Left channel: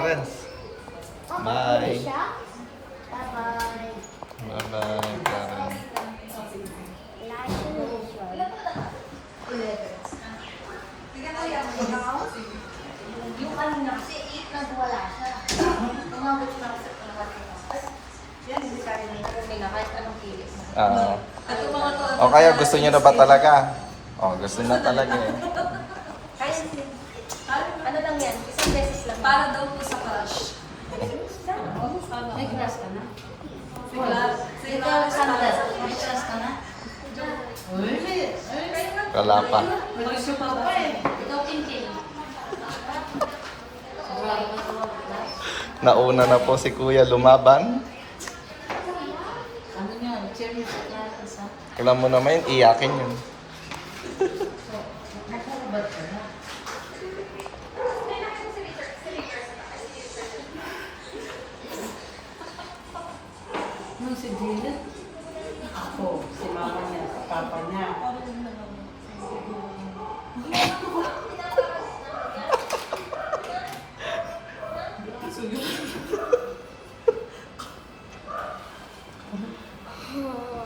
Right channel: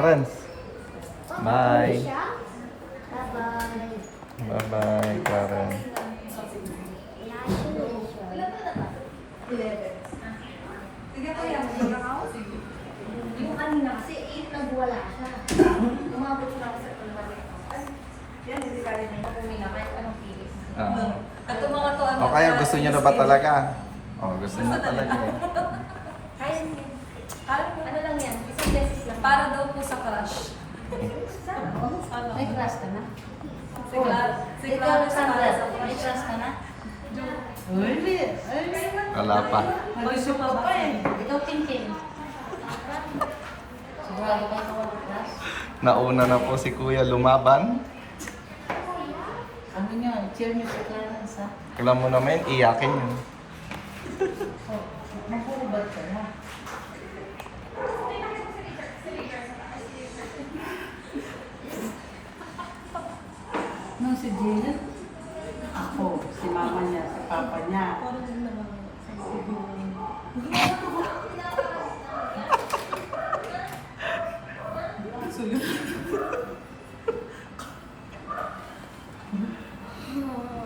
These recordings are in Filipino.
Friends. Bye. Bye-bye. Bye-bye, Karen. Yung kanina kasi 8 nagwala siya. Umabot siya kasi sa yan, hindi ka rin na kahit anong pilis mo. O kaya gusto niyo na ba talaga? O, gusto niyo na talaga eh. Kaya hindi. Ano lang yan? Isang beses lang. Para daw po sa crush. May crush ka na? Ikaw, Sandra, may crush ka na? Wala pa. Ikaw, Pinkin. Wala ka ba ito crush? Nauna na po si Kuya lumaban. Ano nga, cheer niyo po tayo isa. Alam mo naman, iyakin yun. Nagulibad ka na. Nung si Jill, ako, si mama niya, si papa niya.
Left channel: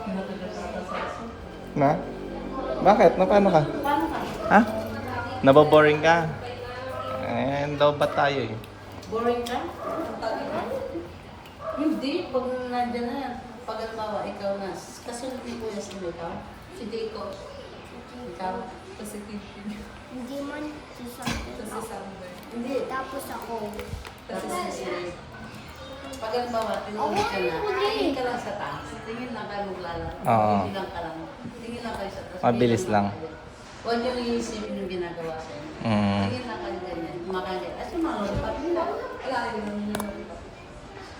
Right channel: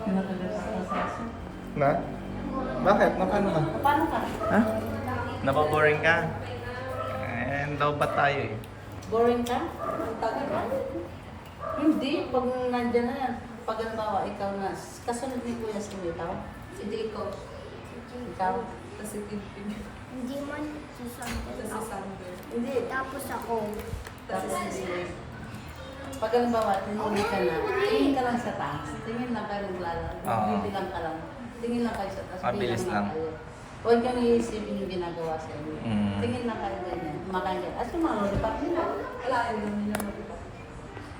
Pinakagatan sa aso. Na? Bakit? Paano ka? Paano ka? Ha? Naboboring ka? And daw ba tayo eh? Boring ka? Hindi, pag nandyan na, pag halimbawa, ikaw na, kasunod ni Kuya si Bitaw, Si Deco. ikaw, Kasi Kidpin. Hindi man si Sander Kasi ako. Sander. hindi, Tapos ako. Kasi tapos si si pag halimbawa, tingin ka na, tingin ka lang sa taas, tingin lang kayo maglalaro, Oo. bibilang ka lang, tingin lang kayo sa taas, Mabilis bilang lang. kayo. Huwag niyong iisipin yung ginagawa sa inyo. Mm. Tingin lang kayo ganyan, makain at yung mga lollipop nila. wala yun yung nalipap.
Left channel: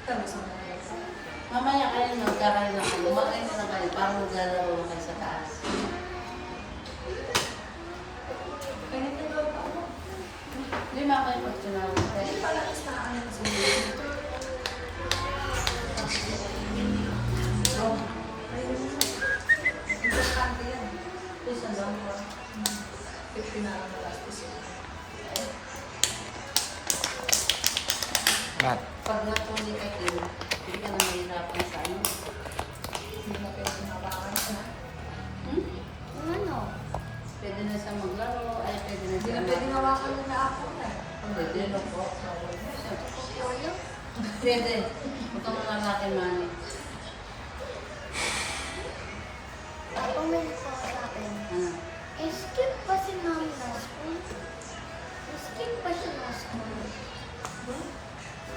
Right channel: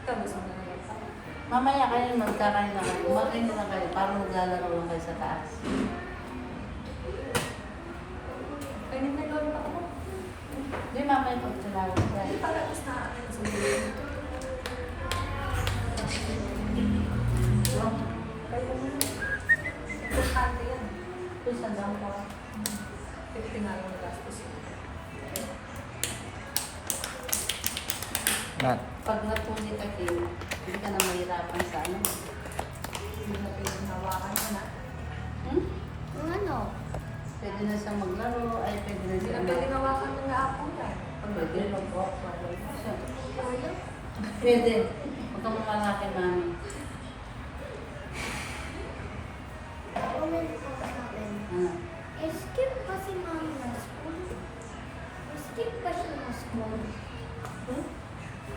Tapos ang mga Mamaya kayo magkakain na kayo, makain na kayo, para maglalaro lang kayo sa taas. Kainin na daw ako. Hindi mamaya pag tunawan kayo. Palakas na ano sa Isa lang po. Nat. Pag natuli ka din, hindi ka na mahirapan sa ano. Hmm? Yung ano? Pwede na siyang maglaro, ay pwede na Hindi siyang na ginawa ko ng ako na. Pwede na po. Pwede. Itong lang natin mami. Comment po sa akin. Skip pa si mami na school? Skip pa siya na school?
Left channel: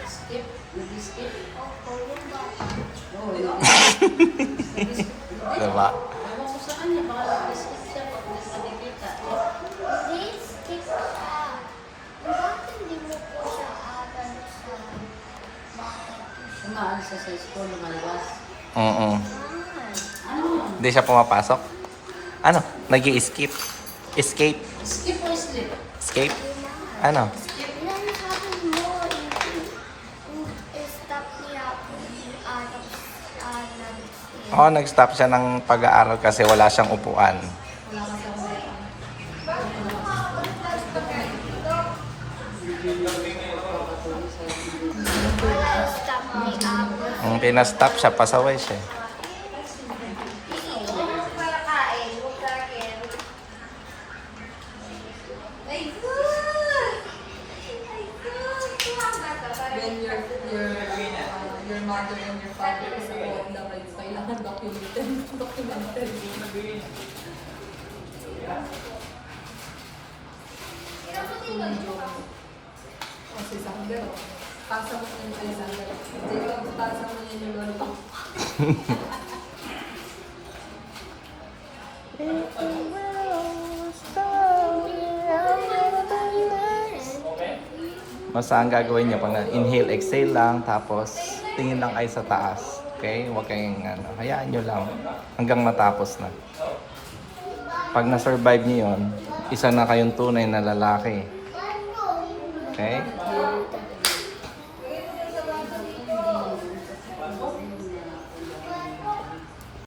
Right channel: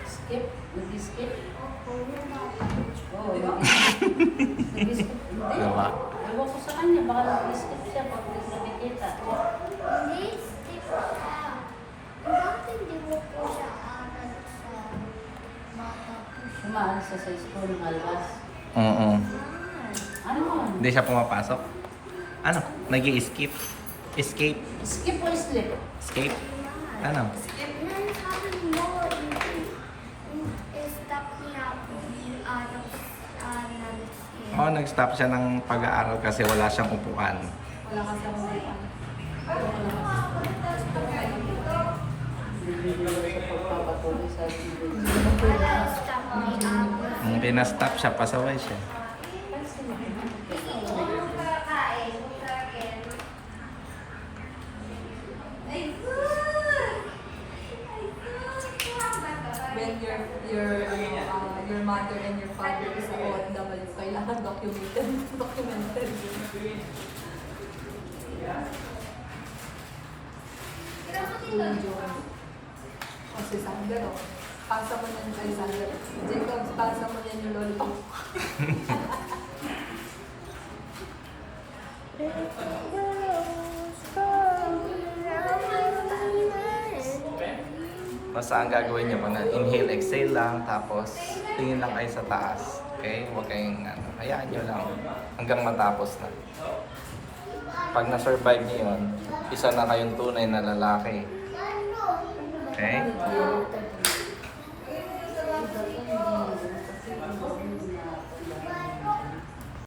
Skip. Nag-skip. Opo, yung bata. Oo, nag-skip. Diba? Ako ko sa kanya, baka nag-skip siya pag nagpadikita. Hindi, skip siya. Bakit hindi mo po siya aral sa bata? Umaalis siya sa school, malabas. Oo. Ano? Hindi siya pumapasok? Ano? Nag-i-skip? Escape? Skip o skip? Escape? Ano? Ilan sabi mo, stop niya ako nag-skip. Oo, nag-stop siya ng pag-aaral kasi wala siyang upuan. Wala ka sa mga Stop my apple. Pinastop siya, pasaway siya. When your mother and your father is OFW, kailangan documented. Kasi Sander, pasa mo yan kay Sander. Jacob, pasa mo yan yung lolo. O saan gagawin niyo pa na? Inhale, exhale lang, tapos tingin lang kayo sa taas. Okay? Huwag kayong, hayaan niyo lang hanggang matapos na. Pag na-survive niyo yun, isa na kayong tunay na lalaki. Okay?